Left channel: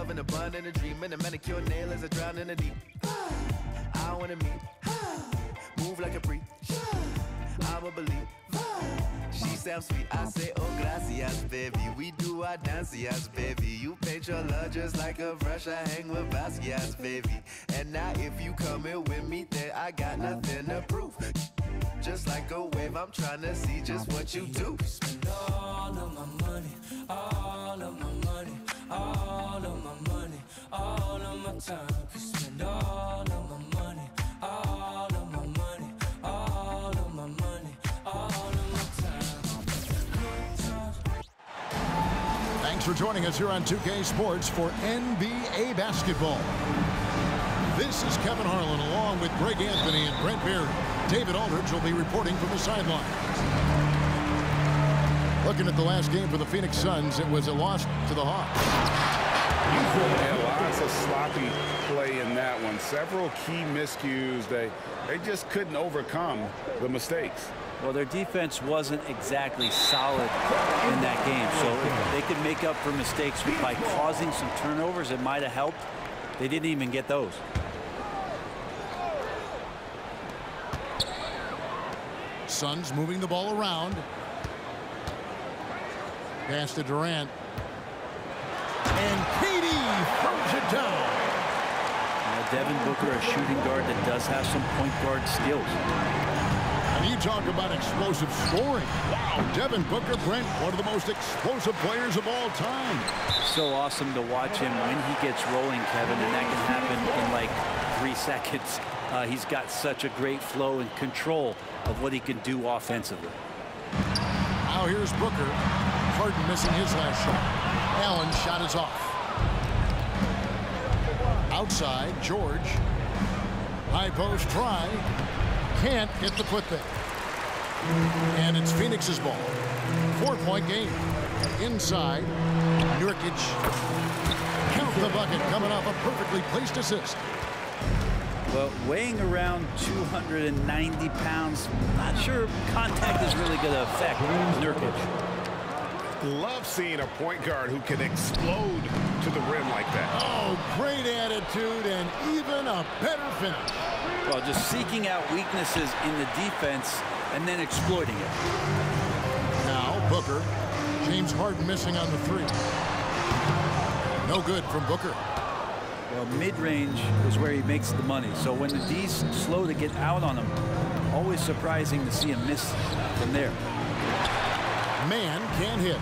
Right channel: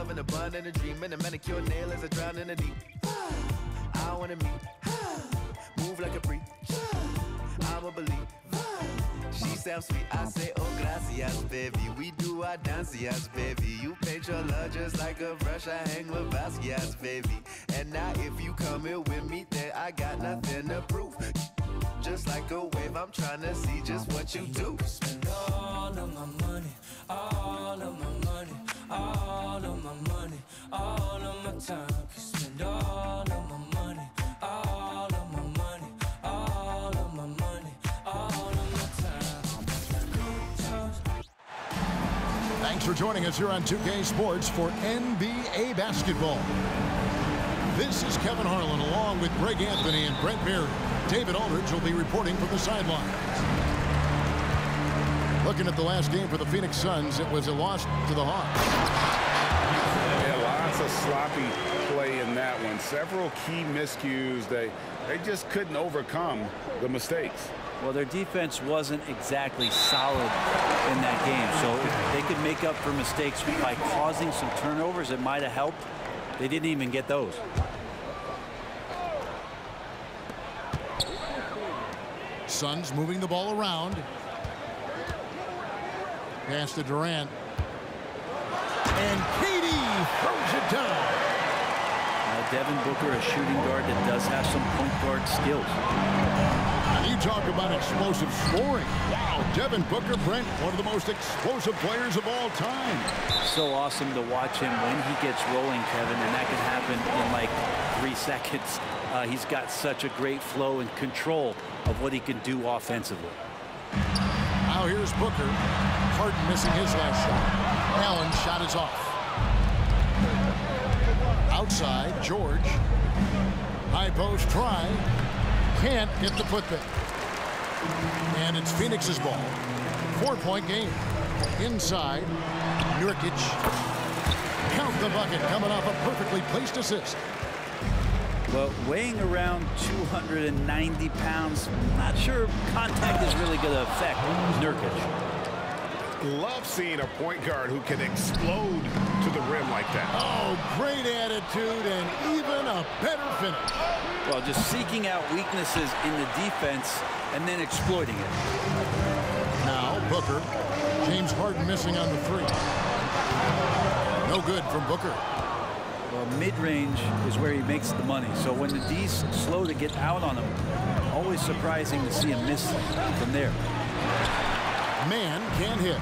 love and a bun and a dream and a manicure nail as I drown in the deep. I wanna meet, move like a freak. I'ma believe. She sounds sweet, I say, oh, gracias, baby. We do our dancias, baby. You paint your love just like a brush. I hang with Basquiat's, baby. And now if you come here with me, then I got nothing to prove. Just like a wave, I'm trying to see just what you do. Spend all of my money, all of my money, all of my money, all of my time. Spend all of my money, all of my money, all of my money, all of my time. Thanks for joining us here on 2K Sports for NBA basketball. This is Kevin Harlan along with Greg Anthony and Brent Barry. David Aldridge will be reporting from the sidelines. Looking at the last game for the Phoenix Suns, it was a loss to the Hawks. Yeah, lots of sloppy play in that one. Several key miscues. They just couldn't overcome the mistakes. Well, their defense wasn't exactly solid in that game. So if they could make up for mistakes by causing some turnovers, it might have helped. They didn't even get those. Suns moving the ball around. Pass to Durant. And KD throws it down. Now, Devin Booker, a shooting guard that does have some point guard skills. And you talk about explosive scoring. Wow, Devin Booker, Brent, one of the most explosive players of all time. So awesome to watch him when he gets rolling, Kevin, and that can happen in like 3 seconds. He's got such a great flow and control of what he can do offensively. Now here's Booker. Harden missing his last shot. Allen's shot is off. Outside, George. High post try. Can't get the putback. And it's Phoenix's ball. 4-point game. Inside, Nurkic. Count the bucket coming off a perfectly placed assist. Well, weighing around 290 pounds, not sure contact is really going to affect Nurkic. Love seeing a point guard who can explode to the rim like that. Oh, great attitude and even a better finish. Well, just seeking out weaknesses in the defense and then exploiting it. Now Booker. James Harden missing on the 3. No good from Booker. Well, mid-range is where he makes the money. So when the D's slow to get out on him, always surprising to see him miss from there. Man can't hit.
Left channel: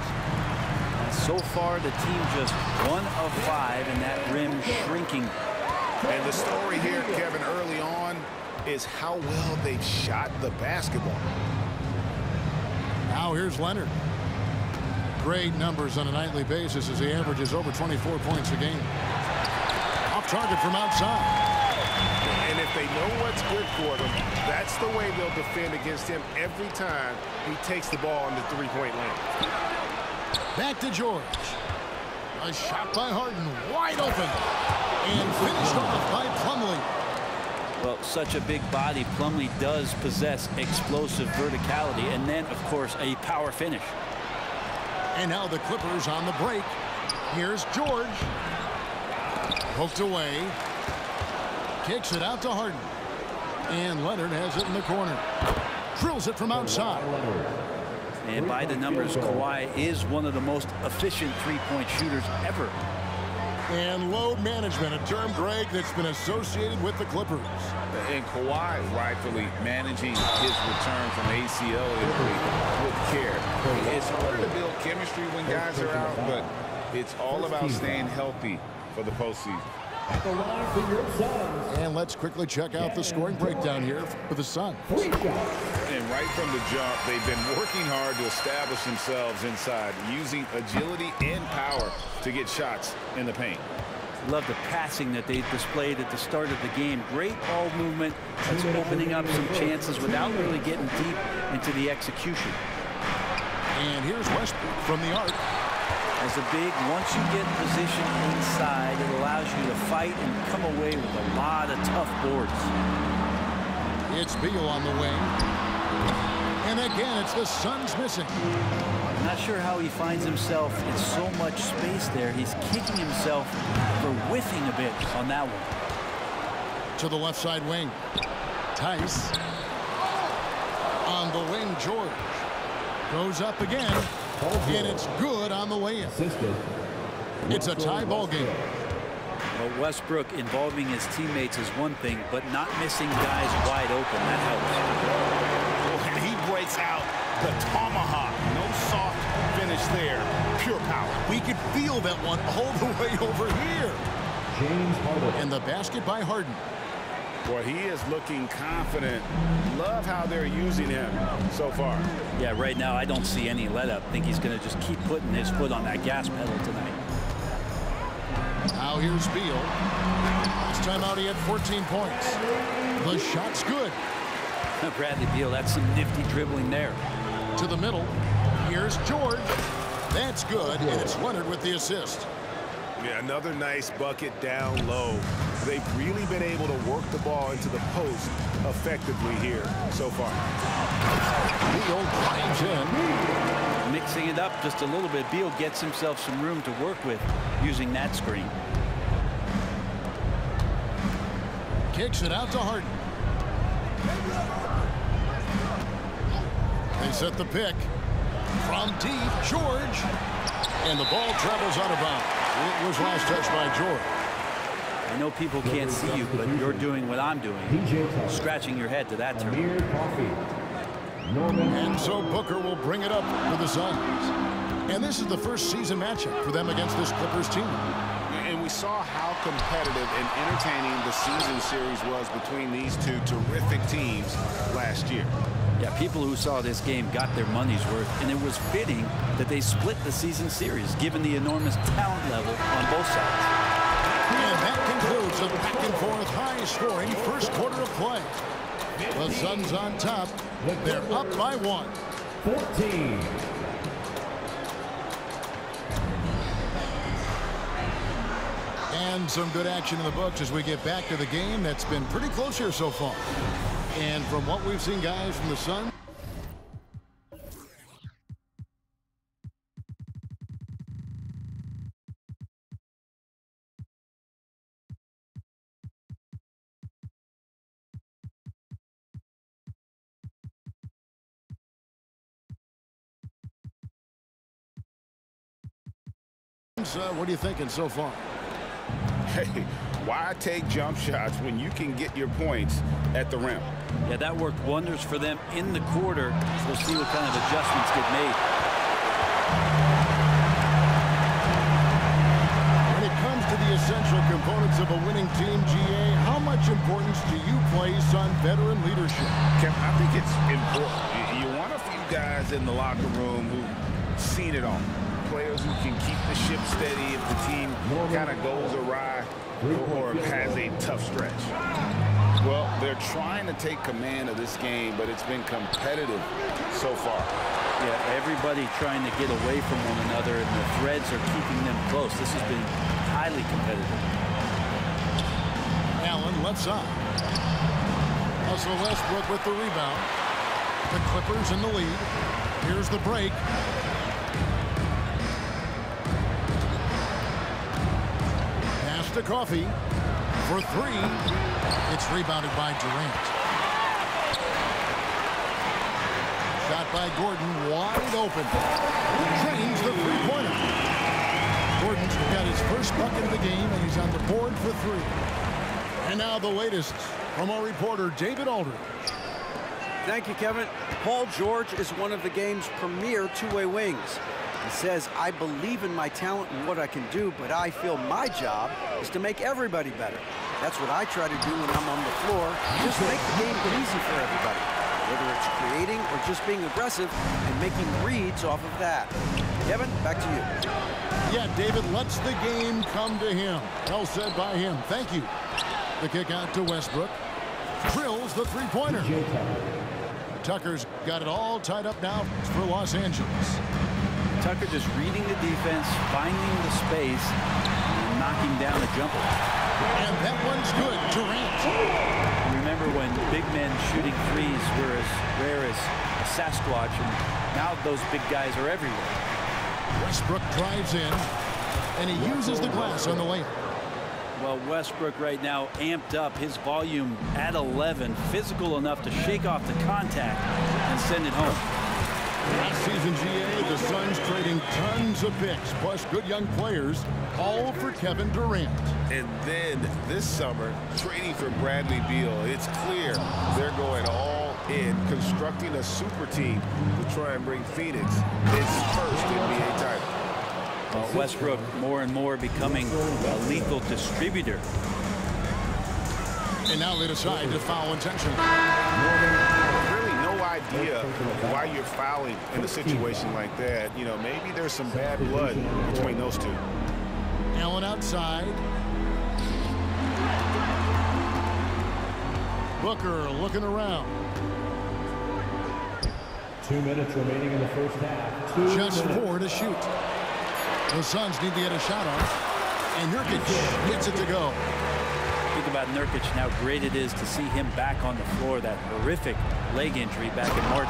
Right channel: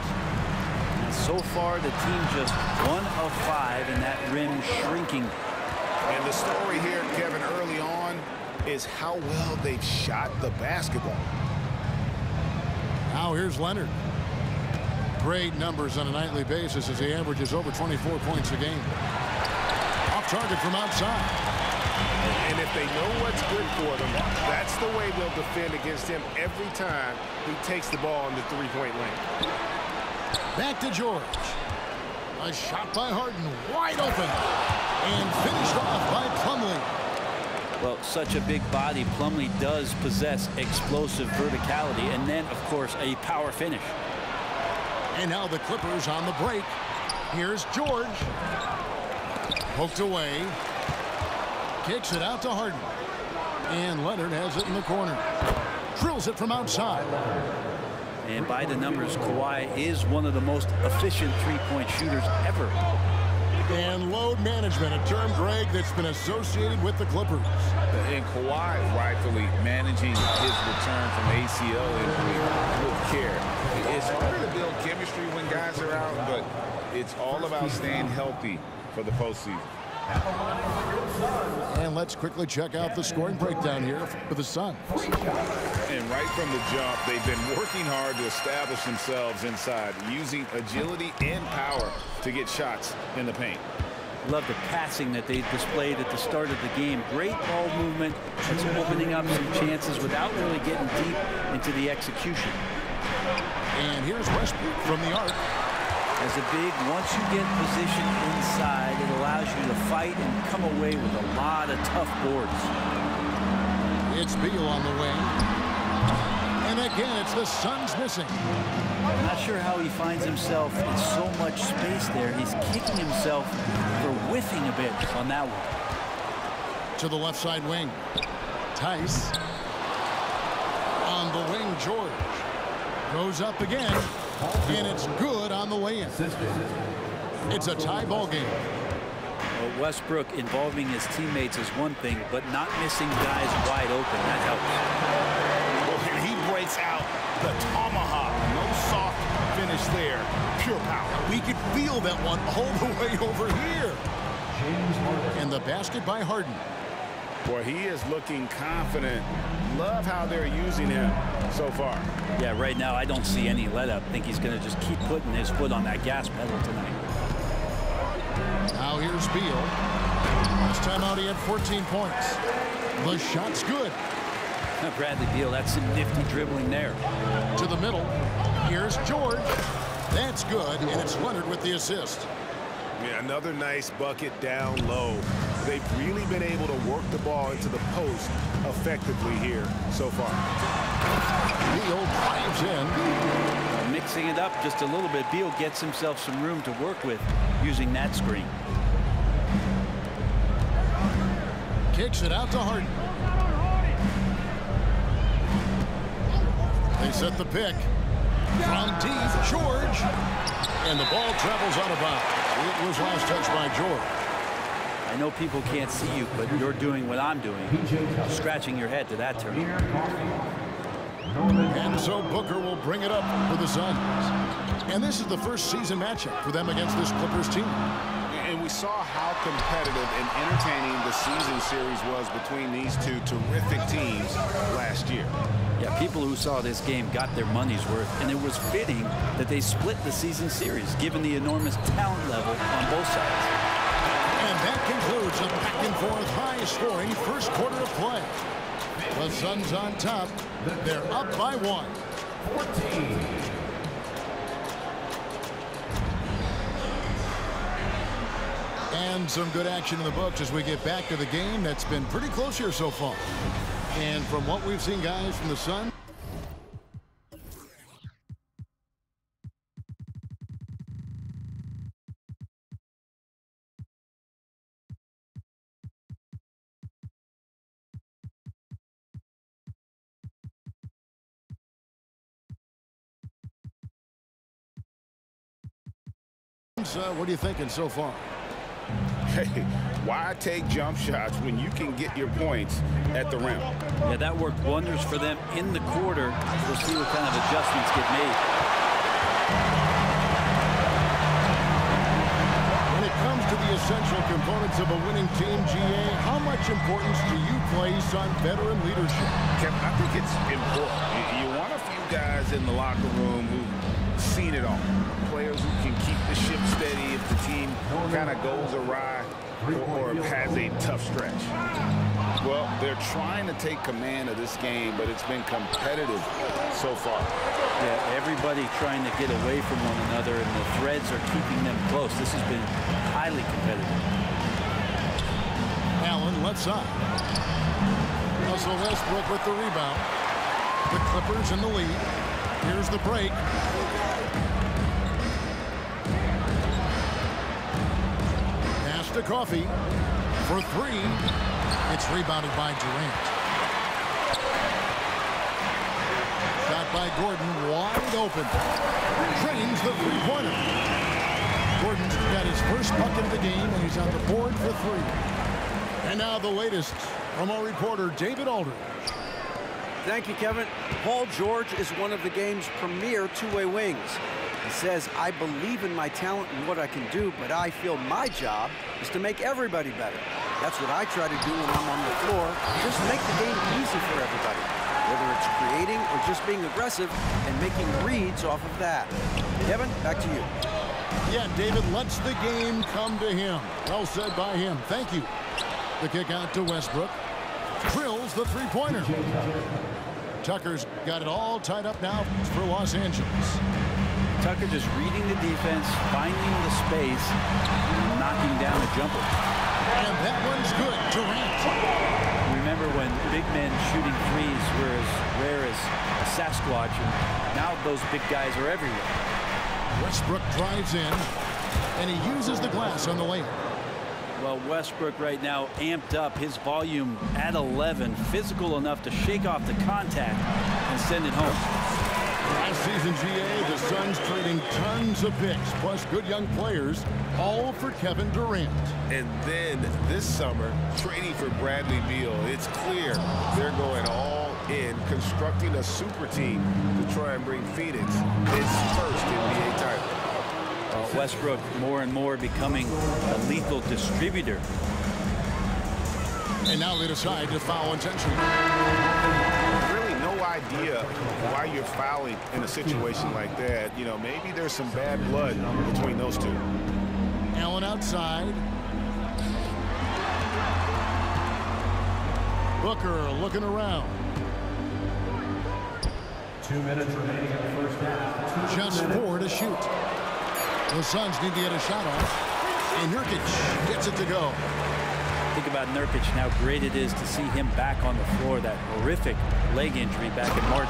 And so far, the team just 1 of 5, and that rim shrinking. And the story here, Kevin, early on is how well they've shot the basketball. Now here's Leonard. Great numbers on a nightly basis as he averages over 24 points a game. Off target from outside. And if they know what's good for them, that's the way they'll defend against him every time he takes the ball in the three-point lane. Back to George. A shot by Harden, wide open. And finished off by Plumlee. Well, such a big body, Plumlee does possess explosive verticality and then, of course, a power finish. And now the Clippers on the break. Here's George. Poked away. Kicks it out to Harden. And Leonard has it in the corner. Drills it from outside. And by the numbers, Kawhi is one of the most efficient three-point shooters ever. And load management, a term, Greg, that's been associated with the Clippers. And Kawhi rightfully managing his return from ACL injury with care. It's harder to build chemistry when guys are out, but it's all about staying healthy for the postseason. And let's quickly check out the scoring breakdown here for the Suns. And right from the jump, they've been working hard to establish themselves inside, using agility and power to get shots in the paint. Love the passing that they displayed at the start of the game. Great ball movement that's opening up some chances without really getting deep into the execution. And here's Westbrook from the arc. As a big, once you get position inside, it allows you to fight and come away with a lot of tough boards. It's Beal on the wing. And again, it's the Suns missing. I'm not sure how he finds himself in so much space there. He's kicking himself for whiffing a bit on that one. To the left side wing. Tice. On the wing, George. Goes up again. And it's good on the way in. It's a tie ball game. Well, Westbrook involving his teammates is one thing, but not missing guys wide open, that helps. Well, and he breaks out the tomahawk. No soft finish there. Pure power. We could feel that one all the way over here. James Harden. And the basket by Harden. Boy, he is looking confident. Love how they're using him so far. Yeah, right now I don't see any let up. Think he's going to just keep putting his foot on that gas pedal tonight. Now here's Beal. Last time out he had 14 points. The shot's good. Bradley Beal, that's some nifty dribbling there. To the middle. Here's George. That's good, and it's Leonard with the assist. Yeah, another nice bucket down low. They've really been able to work the ball into the post effectively here so far. Beal drives in. Mixing it up just a little bit. Beal gets himself some room to work with using that screen. Kicks it out to Harden. They set the pick. From deep, George. And the ball travels out of bounds. It was last touched by George. I know people can't see you, but you're doing what I'm doing. Scratching your head to that turn. And so Booker will bring it up for the Suns. And this is the first season matchup for them against this Clippers team. And we saw how competitive and entertaining the season series was between these two terrific teams last year. Yeah, people who saw this game got their money's worth, and it was fitting that they split the season series, given the enormous talent level on both sides. And that concludes a back-and-forth, high-scoring first quarter of play. The Suns on top. They're up by 1. 14. And some good action in the books as we get back to the game that's been pretty close here so far. And from what we've seen, guys, from the Suns, what are you thinking so far? Hey, why take jump shots when you can get your points at the rim? Yeah, that worked wonders for them in the quarter. We'll see what kind of adjustments get made. When it comes to the essential components of a winning team, GA, how much importance do you place on veteran leadership? Kevin, I think it's important. You want a few guys in the locker room who've seen it all. Players who can keep the ship steady if the team kind of goes awry or has a tough stretch. Well, they're trying to take command of this game, but it's been competitive so far. Yeah, everybody trying to get away from one another, and the threads are keeping them close. This has been highly competitive. Allen left side. Russell Westbrook with the rebound. The Clippers in the lead. Here's the break. Pass to Coffee for 3. It's rebounded by Durant. Shot by Gordon, wide open. Drains the three-pointer. Gordon's got his first bucket of the game, and he's on the board for 3. And now the latest from our reporter, David Aldridge. Thank you, Kevin. Paul George is one of the game's premier two-way wings. He says, I believe in my talent and what I can do, but I feel my job is to make everybody better. That's what I try to do when I'm on the floor. Just make the game easy for everybody, whether it's creating or just being aggressive and making reads off of that. Kevin, back to you. Yeah, David lets the game come to him. Well said by him. Thank you. The kick out to Westbrook. Drills the three-pointer. Tucker's got it all tied up now for Los Angeles. Tucker just reading the defense, finding the space, and knocking down a jumper. And that one's good. Durant. Remember when big men shooting threes were as rare as a Sasquatch, and now those big guys are everywhere. Westbrook drives in, and he uses the glass on the layup. Well, Westbrook right now amped up, his volume at 11, physical enough to shake off the contact and send it home. Last season, GA, the Suns trading tons of picks, plus good young players, all for Kevin Durant. And then this summer, trading for Bradley Beal. It's clear they're going all in, constructing a super team to try and bring Phoenix its first NBA title. Westbrook more and more becoming a lethal distributor. And now they decide to foul intentionally. Really no idea why you're fouling in a situation like that. You know, maybe there's some bad blood between those two. Allen outside. Booker looking around. 2 minutes remaining in the first half. Just 4 to shoot. The Suns need to get a shot off, and Nurkic gets it to go. Think about Nurkic and how great it is to see him back on the floor. That horrific leg injury back in March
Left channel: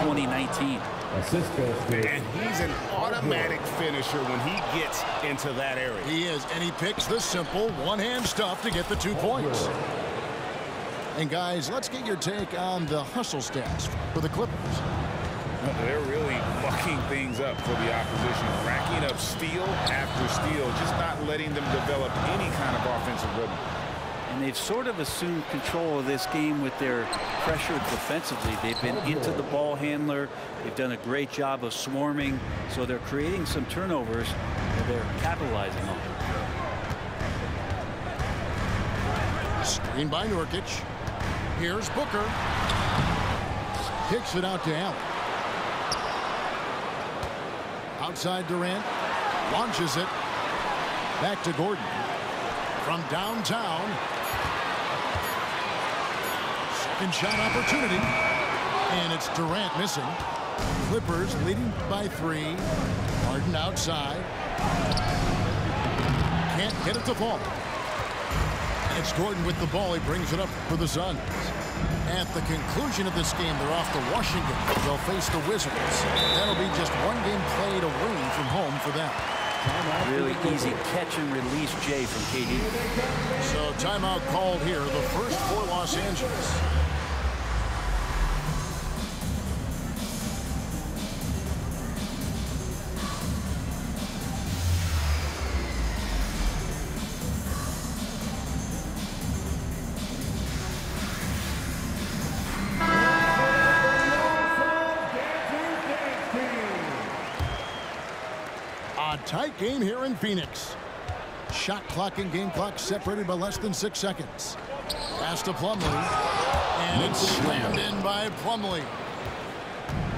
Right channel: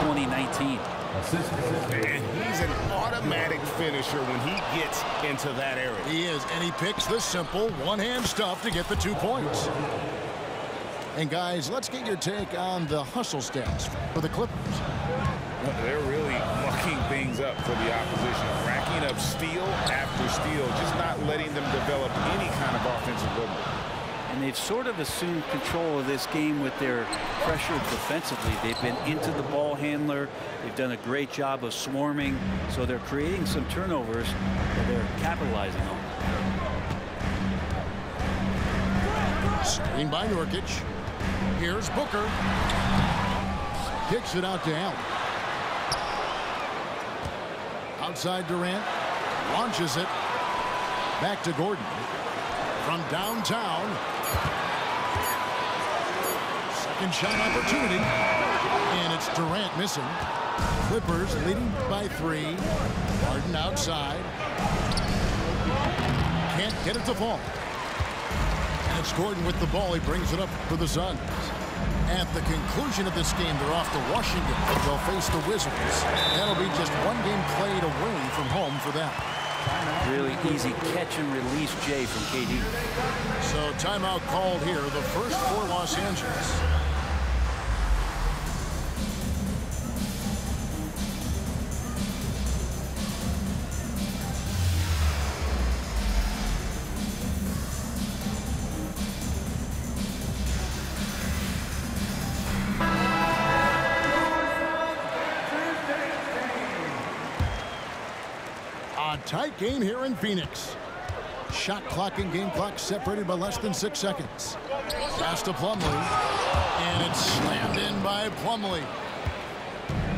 2019. And he's an automatic finisher when he gets into that area. He is, and he picks the simple one-hand stuff to get the 2 points. And guys, let's get your take on the hustle stats for the Clippers. They're really mucking things up for the opposition, racking up steal after steal, just not letting them develop any kind of offensive rhythm. And they've sort of assumed control of this game with their pressure defensively. They've been into the ball handler. They've done a great job of swarming. So they're creating some turnovers that they're capitalizing on. Screen by Nurkic. Here's Booker. Kicks it out to Allen. Outside Durant. Launches it. Back to Gordon. From downtown. Second shot opportunity. And it's Durant missing. Clippers leading by 3. Harden outside. Can't get it to fall. And it's Gordon with the ball. He brings it up for the Suns. At the conclusion of this game, they're off to Washington. They'll face the Wizards. That'll be just 1 game played away from home for them. Really easy catch and release, Jay, from KD. So timeout called here, the first for Los Angeles. A tight game here in Phoenix. Shot clock and game clock separated by less than 6 seconds. Pass to Plumlee, and it's slammed in by Plumlee.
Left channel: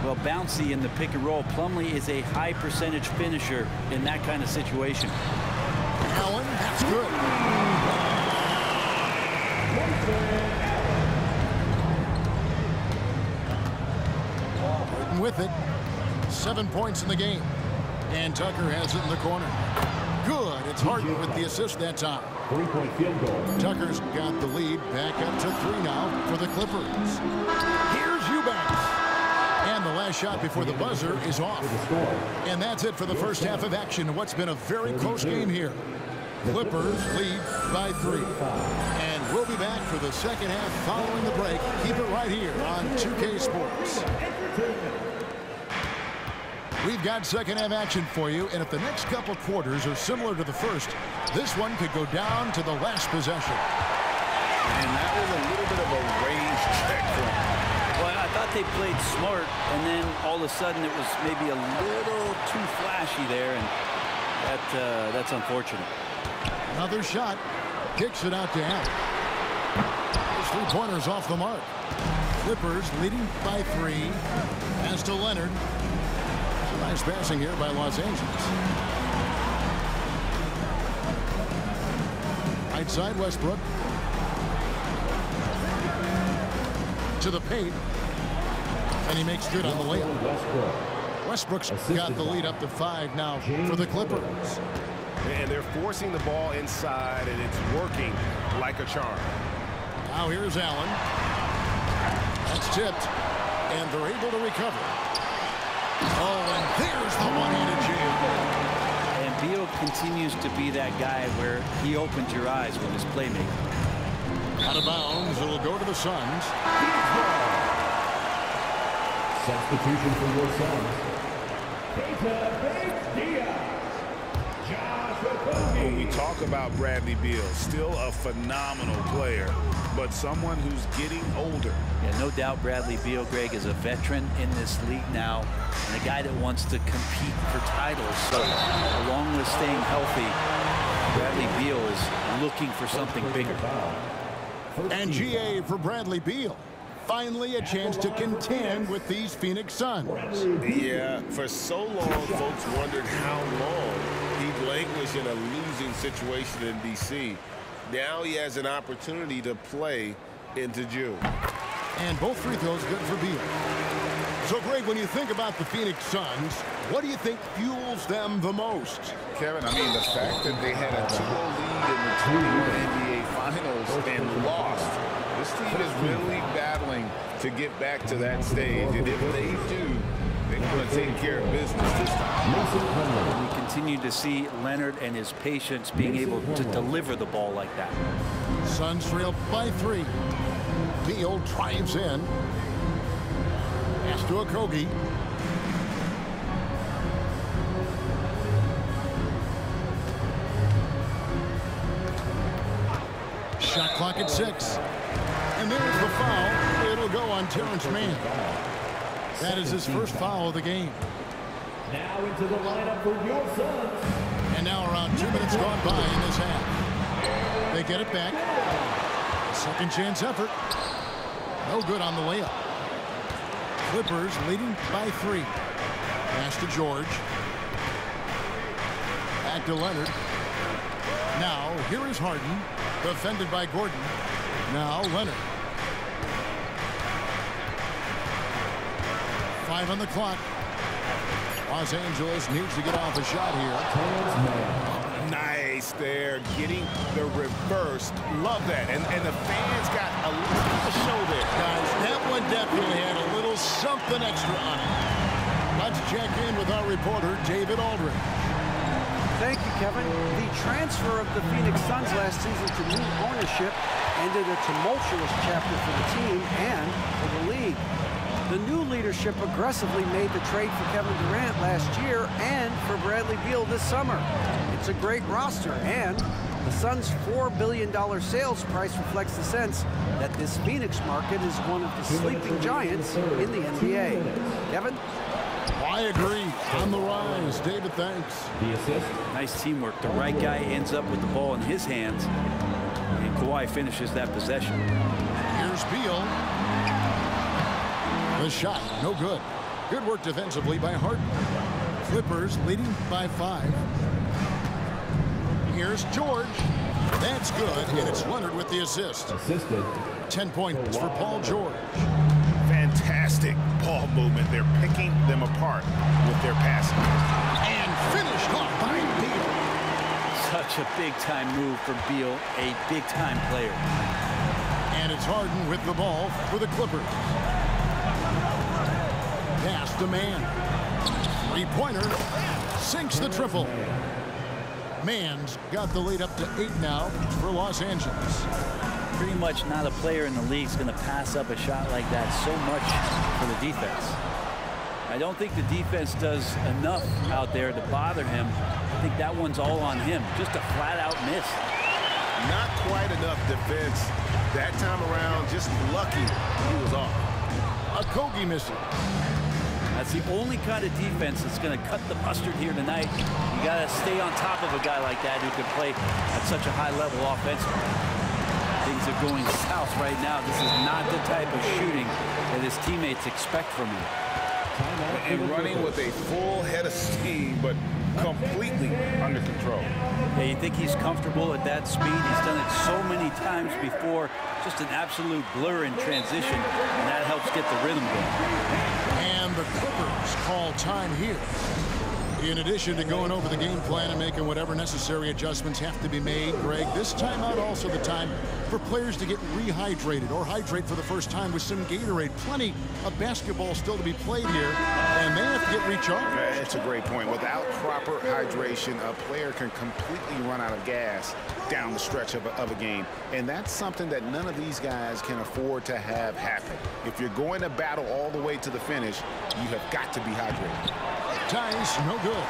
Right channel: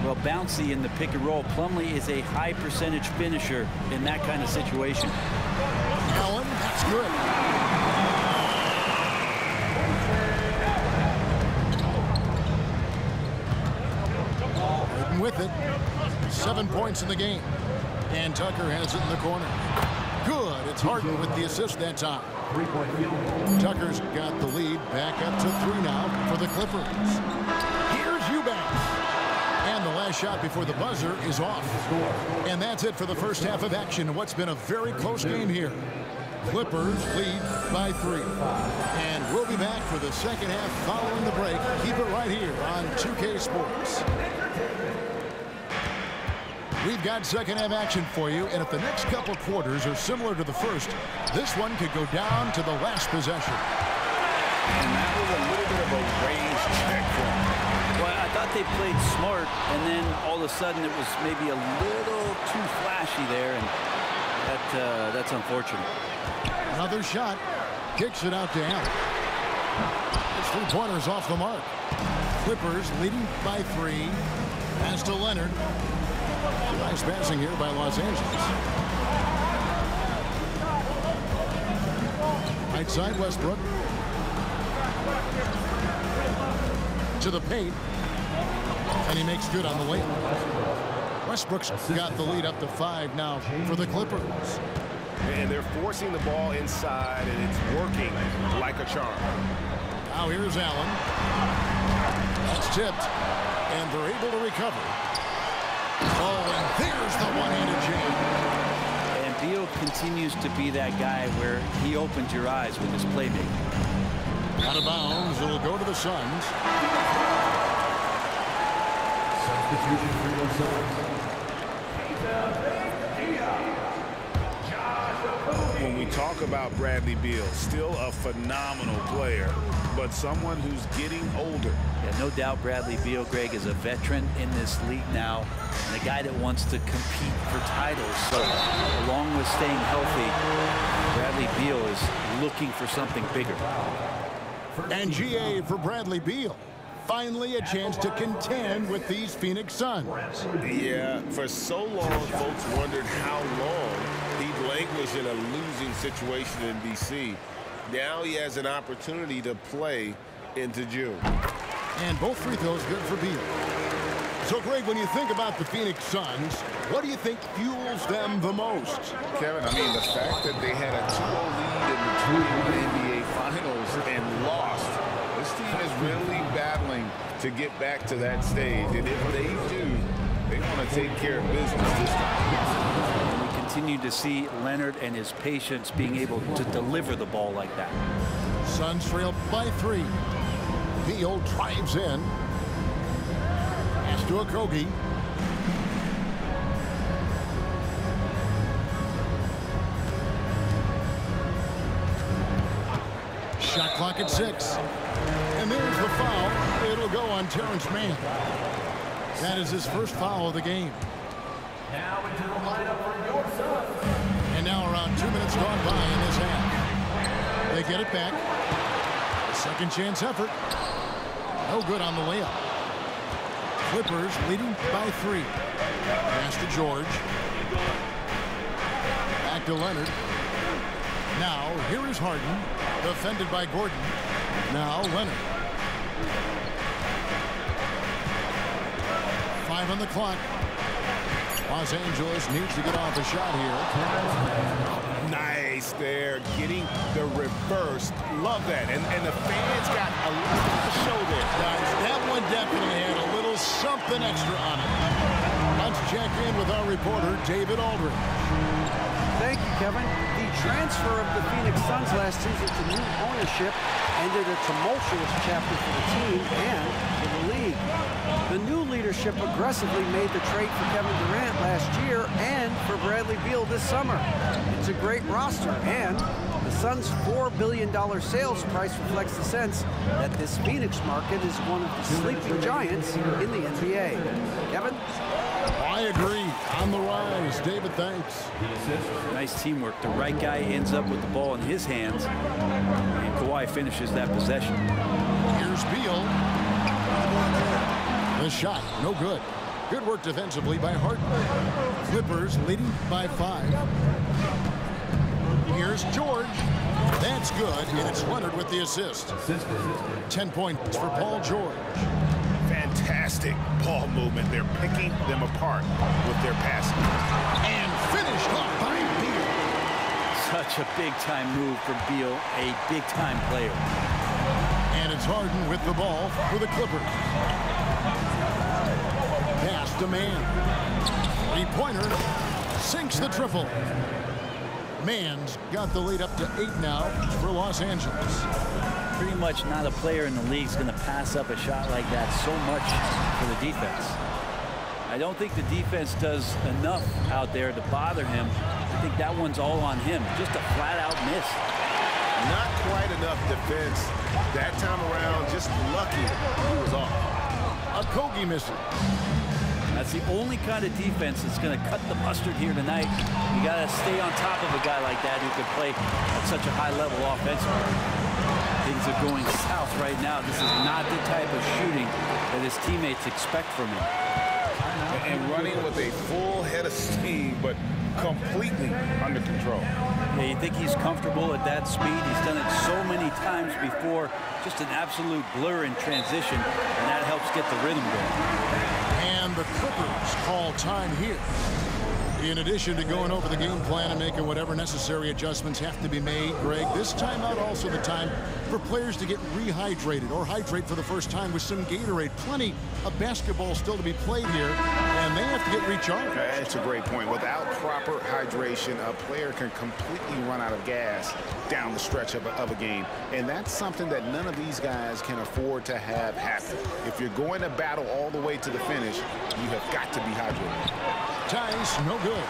Well, bouncy in the pick and roll. Plumlee is a high percentage finisher in that kind of situation. Allen, that's good. Harden with it. 7 points in the game. And Tucker has it in the corner. Good. It's Harden with the assist that time. 3-point field goal. Tucker's got the lead. Back up to 3 now for the Clippers. Here's Eubanks. And the last shot before the buzzer is off. And that's it for the first half of action in what's been a very close game here. Clippers lead by 3. And we'll be back for the second half following the break. Keep it right here on 2K Sports. We've got second half action for you, and if the next couple quarters are similar to the first, this one could go down to the last possession. And that was a little bit of a range check for them. Well, I thought they played smart, and then all of a sudden it was maybe a little too flashy there, and that's unfortunate. Another shot. Kicks it out to Allen. His three-pointers off the mark. Clippers leading by 3. Pass to Leonard. Nice passing here by Los Angeles. Right side, Westbrook. To the paint. And he makes good on the layup. Westbrook's got the lead up to 5 now for the Clippers. And they're forcing the ball inside, and it's working like a charm. Now here's Allen. That's tipped. And they're able to recover. Oh, and there's the one-handed jam. And Beal continues to be that guy where he opens your eyes with his playmaking. Out of bounds, it'll go to the Suns. Substitution for your Suns. When we talk about Bradley Beal, still a phenomenal player, but someone who's getting older. Yeah, no doubt Bradley Beal, Greg, is a veteran in this league now and a guy that wants to compete for titles. So along with staying healthy, Bradley Beal is looking for something bigger. And GA for Bradley Beal. Finally a chance to contend with these Phoenix Suns. Yeah, for so long, folks wondered how long he'd languish in a losing situation in D.C. Now he has an opportunity to play into June. And both free throws good for Beal. So, Greg, when you think about the Phoenix Suns, what do you think fuels them the most? Kevin, I mean, the fact that they had a 2-0 lead in the 21 NBA Finals and lost. This team is really battling to get back to that stage. And if they do, they want to take care of business this time. And we continue to see Leonard and his patience being able to deliver the ball like that. Suns trail by 3. Beal drives in. Pass to Okogie. Shot clock at 6. And there's the foul. It'll go on Terrence Mann. That is his first foul of the game. Now into the lineup for your Suns. And now around 2 minutes gone by in this half. They get it back. A second chance effort. No good on the layup. Clippers leading by 3. Pass to George. Back to Leonard. Now here is Harden. Defended by Gordon. Now Leonard. 5 on the clock. Los Angeles needs to get off a shot here. Oh, nice there, getting the reverse. Love that. And the fans got a little bit of a show there. Guys, that one definitely had a little something extra on it. Let's check in with our reporter, David Aldridge. Thank you, Kevin. The transfer of the Phoenix Suns last season to new ownership ended a tumultuous chapter for the team and for the league. The new leadership aggressively made the trade for Kevin Durant last year and for Bradley Beal this summer. It's a great roster, and the Suns' $4 billion sales price reflects the sense that this Phoenix market is one of the sleeping giants in the NBA. Kevin? I agree. On the rise. David, thanks. The assist. Nice teamwork. The right guy ends up with the ball in his hands, and Kawhi finishes that possession. Here's Beal. The shot, no good. Good work defensively by Harden. Clippers leading by 5. Here's George. That's good, and it's Leonard with the assist. Assisted. 10 points for Paul George. Fantastic ball movement. They're picking them apart with their passing. And finished off by Beal. Such a big-time move for Beal, a big-time player. And it's Harden with the ball for the Clippers. Pass to Mann. Three-pointer. Sinks the triple. Mann's got the lead up to 8 now for Los Angeles. Pretty much not a player in the league is going to pass up a shot like that so much for the defense. I don't think the defense does enough out there to bother him. I think that one's all on him. Just a flat-out miss. Not quite enough defense that time around. Just lucky he was off. Okogie missing. That's the only kind of defense that's going to cut the mustard here tonight. You got to stay on top of a guy like that who can play at such a high level offensively. Things are going south right now. This is not the type of shooting that his teammates expect from him. And running with a full head of steam, but completely under control. Yeah, you think he's comfortable at that speed. He's done it so many times before. Just an absolute blur in transition, and that helps get the rhythm going. And the Clippers call time here. In addition to going over the game plan and making whatever necessary adjustments have to be made, Greg, this timeout also the time for players to get rehydrated or hydrate for the first time with some Gatorade. Plenty of basketball still to be played here, and they have to get recharged. That's a great point. Without proper hydration, a player can completely run out of gas down the stretch of a game, and that's something that none of these guys can afford to have happen. If you're going to battle all the way to the finish, you have got to be hydrated. Tice, no good.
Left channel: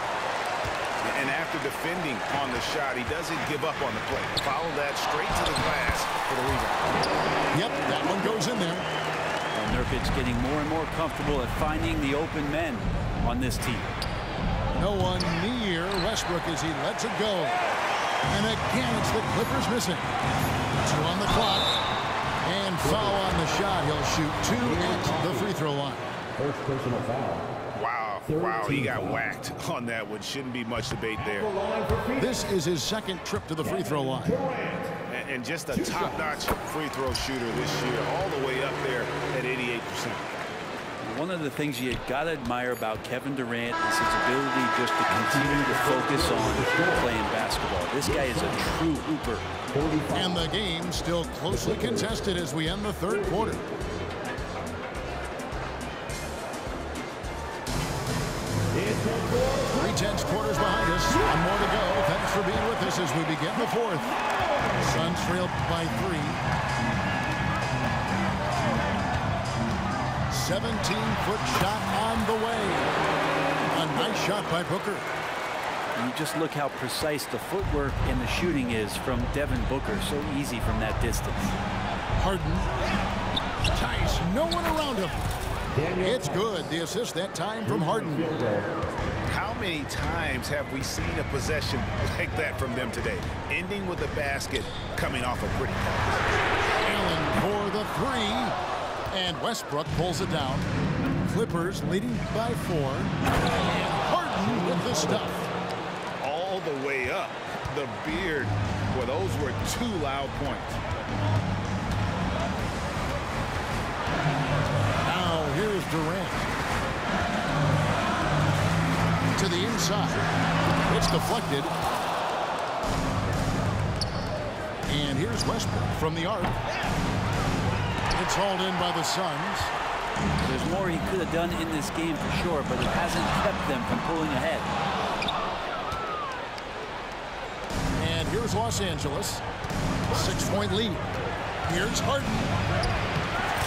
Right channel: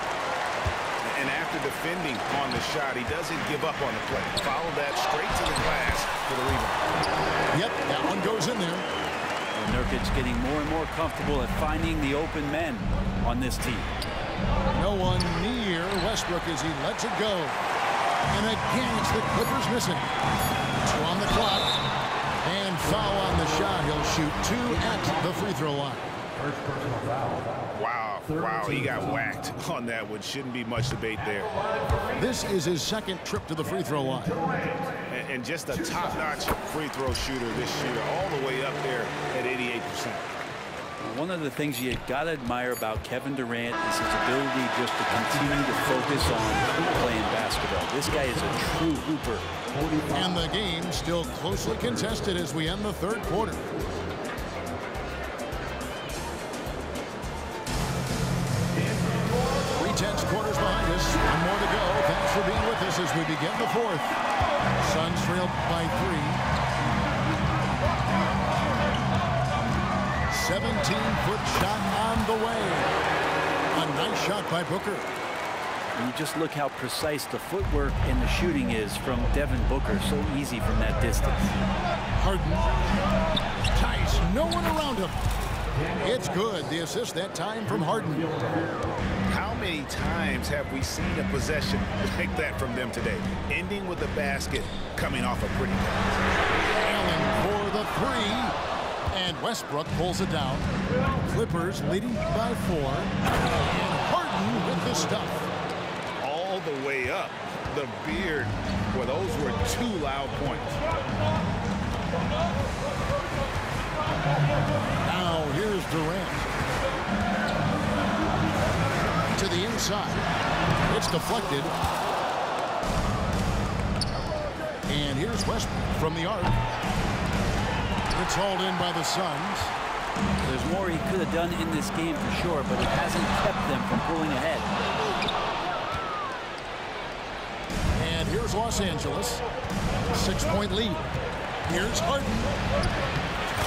And after defending on the shot, he doesn't give up on the play. Follow that straight to the glass for the rebound. Yep, that one goes in there. Well, Nurkic getting more and more comfortable at finding the open men on this team. No one near Westbrook as he lets it go. And again, it's the Clippers missing. 2 on the clock. And foul on the shot. He'll shoot 2 at the free throw line. First personal foul. Wow, he got whacked on that one. Shouldn't be much debate there. This is his second trip to the free throw line. And just a top-notch free throw shooter this year, all the way up there at 88%. One of the things you got to admire about Kevin Durant is his ability just to continue to focus on playing basketball. This guy is a true hooper. And the game still closely contested as we end the third quarter. 3/10 quarters behind us. One more to go. Thanks for being with us as we begin the fourth. Suns trail by 3. 17-foot shot on the way. A nice shot by Booker. And you just look how precise the footwork and the shooting is from Devin Booker. So easy from that distance. Harden. Tice, no one around him. It's good. The assist that time from Harden. How many times have we seen a possession like that from them today? Ending with a basket, coming off a pretty pass. Allen for the 3. And Westbrook pulls it down. Clippers leading by 4. And Harden with the stuff. All the way up. The beard. Well, those were 2 loud points. Now here's Durant. To the inside. It's deflected. And here's Westbrook from the arc. It's hauled in by the Suns. There's more he could have done in this game for sure, but it hasn't kept them from pulling ahead. And here's Los Angeles. 6-point lead. Here's Harden.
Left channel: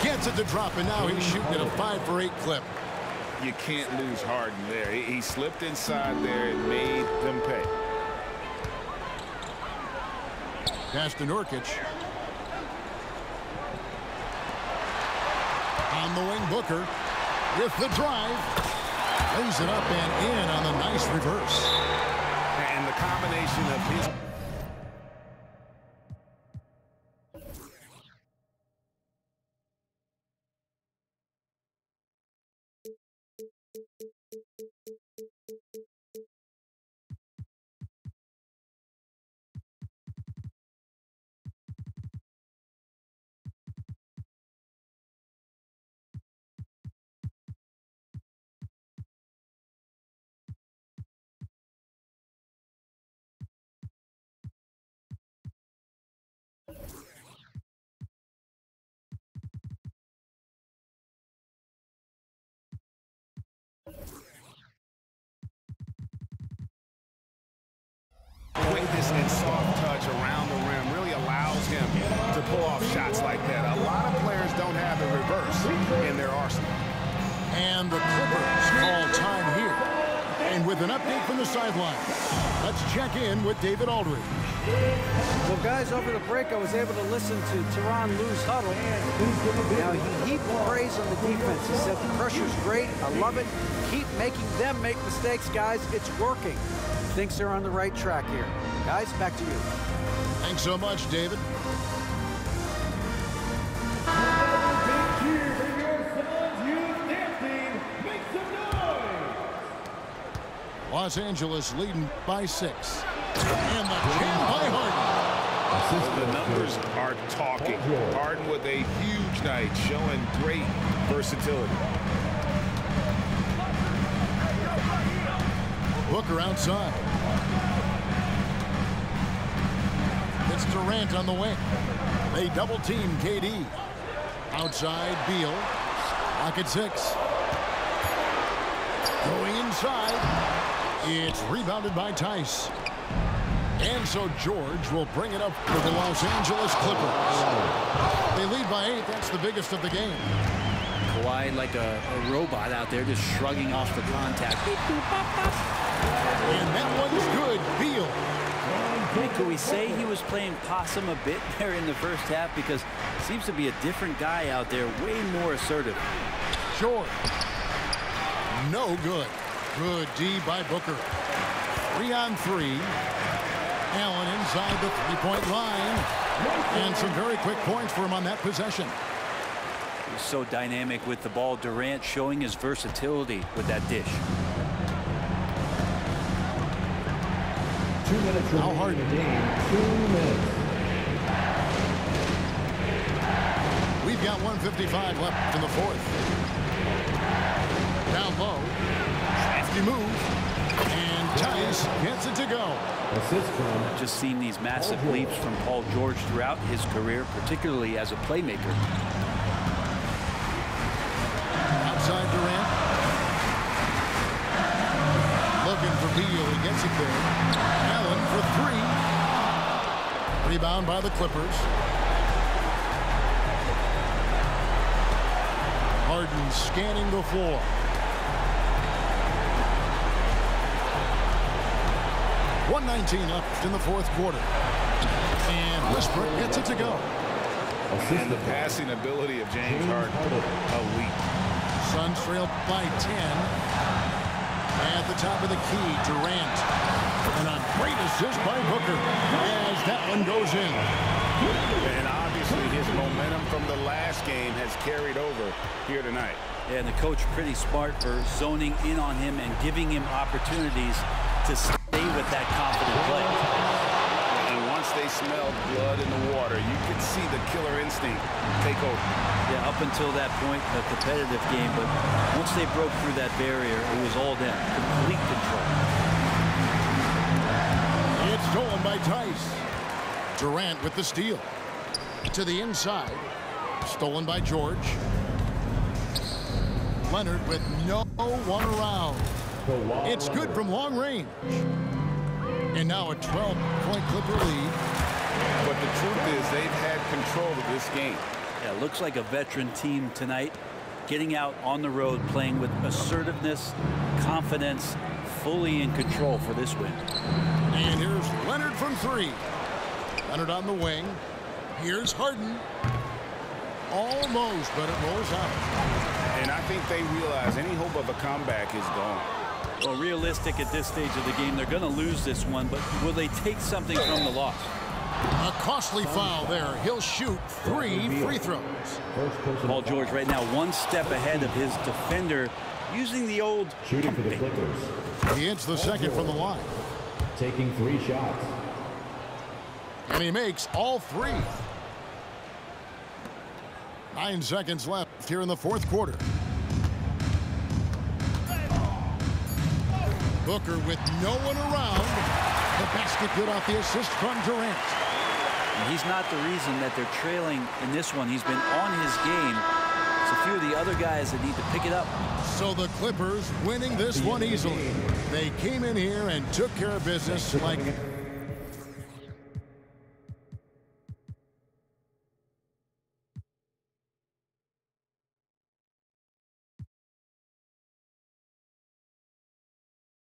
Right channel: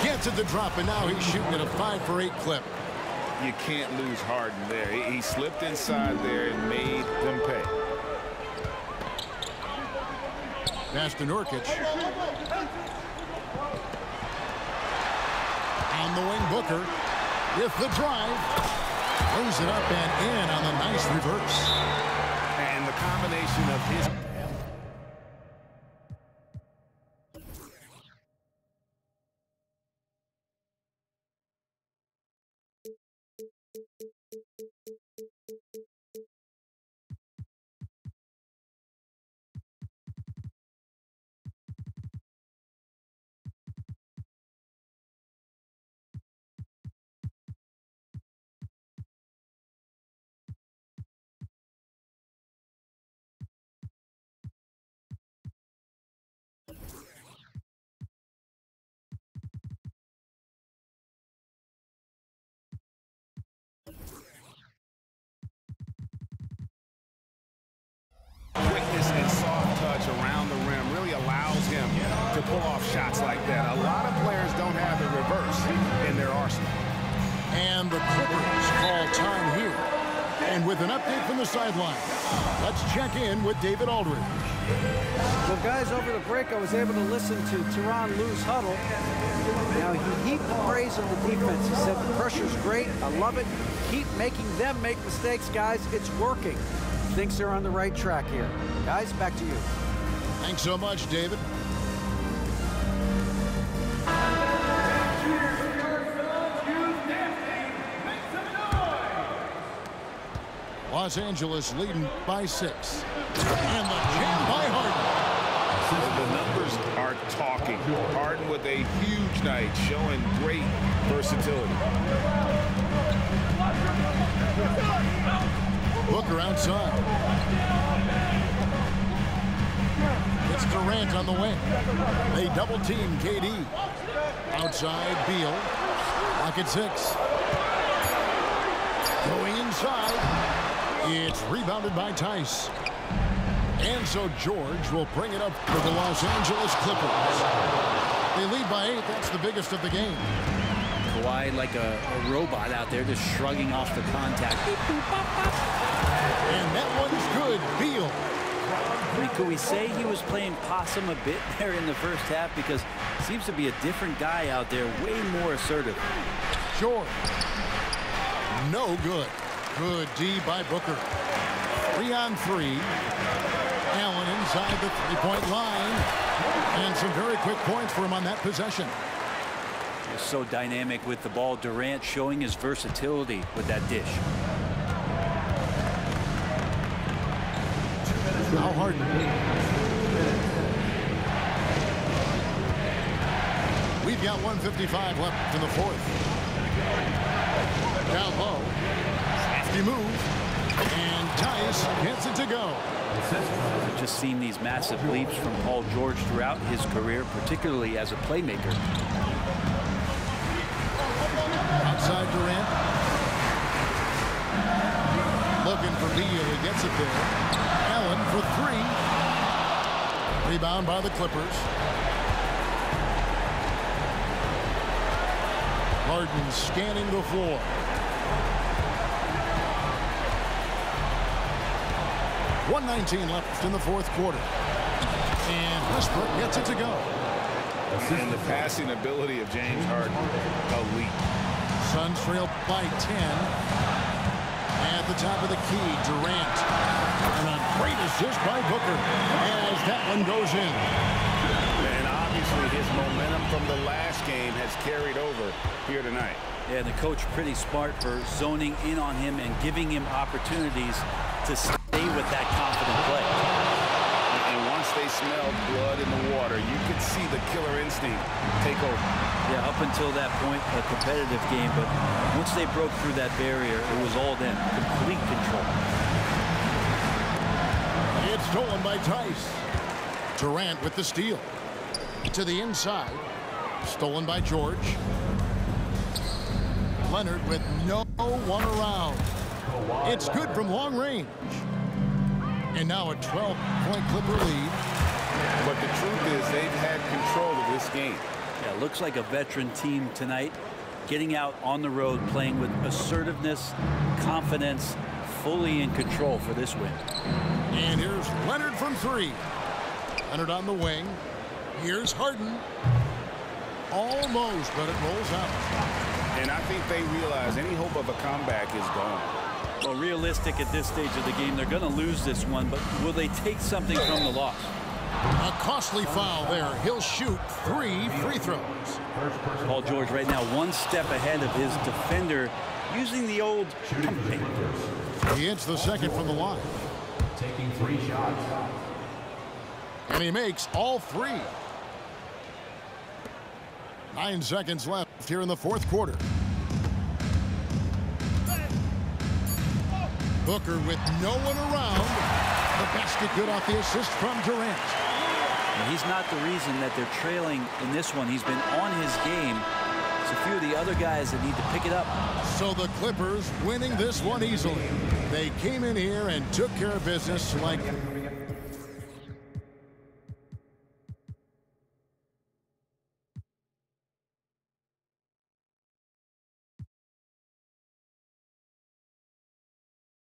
Gets it to drop, and now he's shooting at a 5 for 8 clip. You can't lose Harden there. He slipped inside there and made them pay. Pass to Nurkic. On the wing, Booker with the drive. Lays it up and in on the nice reverse. And the combination of his... quickness and soft touch around the rim really allows him to pull off shots like that. A lot of players don't have the reverse in their arsenal. And the Clippers call time here. And with an update from the sideline, let's check in with David Aldridge. Well, guys, over the break, I was able to listen to Tyronn Lue's huddle. Now, he heaped praise on the defense. He said the pressure's great. I love it. Keep making them make mistakes, guys. It's working. He thinks they're on the right track here. Guys, back to you. Thanks so much, David. Los Angeles leading by 6. And the jam by Harden. The numbers are talking. Harden with a huge night, showing great versatility. Booker outside. It's Durant on the wing. They double team KD. Outside Beal. Lock at 6. Going inside. It's rebounded by Tice. And so George will bring it up for the Los Angeles Clippers. They lead by 8. That's the biggest of the game. Kawhi like a robot out there just shrugging off the contact. Beep, boop, pop, pop. And that one's good. Beal. I mean, could we say he was playing possum a bit there in the first half? Because it seems to be a different guy out there, way more assertive. George. No good. Good D by Booker. 3-on-3. Allen inside the three-point line. And some very quick points for him on that possession. He was so dynamic with the ball. Durant showing his versatility with that dish. Now Harden. 2 minutes. We've got 1:55 left in the fourth. Down low. Crafty move. And Tice gets it to go. I've just seen these massive leaps from Paul George throughout his career, particularly as a playmaker. Outside Durant. Looking for Beal. He gets it there. Allen for 3. Rebound by the Clippers. Harden scanning the floor. .119 left in the fourth quarter. And Westbrook gets it to go. And the passing ability of James Harden, elite. Suns trail by 10. At the top of the key, Durant. And a great assist by Booker as that one goes in. And obviously his momentum from the last game has carried over here tonight. Yeah, and the coach pretty smart for zoning in on him and giving him opportunities to stay with that confident play. And once they smelled blood in the water, you could see the killer instinct take over. Yeah, up until that point, a competitive game, but once they broke through that barrier, it was all them. Complete control. It's stolen by Tice. Durant with the steal. To the inside. Stolen by George. Leonard with no one around. It's good from long range. And now a 12-point Clipper lead. But the truth is they've had control of this game. Yeah, looks like a veteran team tonight. Getting out on the road, playing with assertiveness, confidence, fully in control for this win. And here's Leonard from 3. Leonard on the wing. Here's Harden. Almost, but it rolls out. And I think they realize any hope of a comeback is gone. Well, realistic at this stage of the game, they're going to lose this one, but will they take something from the loss? A costly foul there. He'll shoot 3 free throws. Paul George right now 1 step ahead of his defender, using the old Shooting for the pump fake. Clippers. He hits the second from the line. Taking 3 shots. And he makes all 3. 9 seconds left here in the fourth quarter. Booker with no one around. The basket good off the assist from Durant. And he's not the reason that they're trailing in this one. He's been on his game. It's a few of the other guys that need to pick it up. So the Clippers winning this one easily. They came in here and took care of business like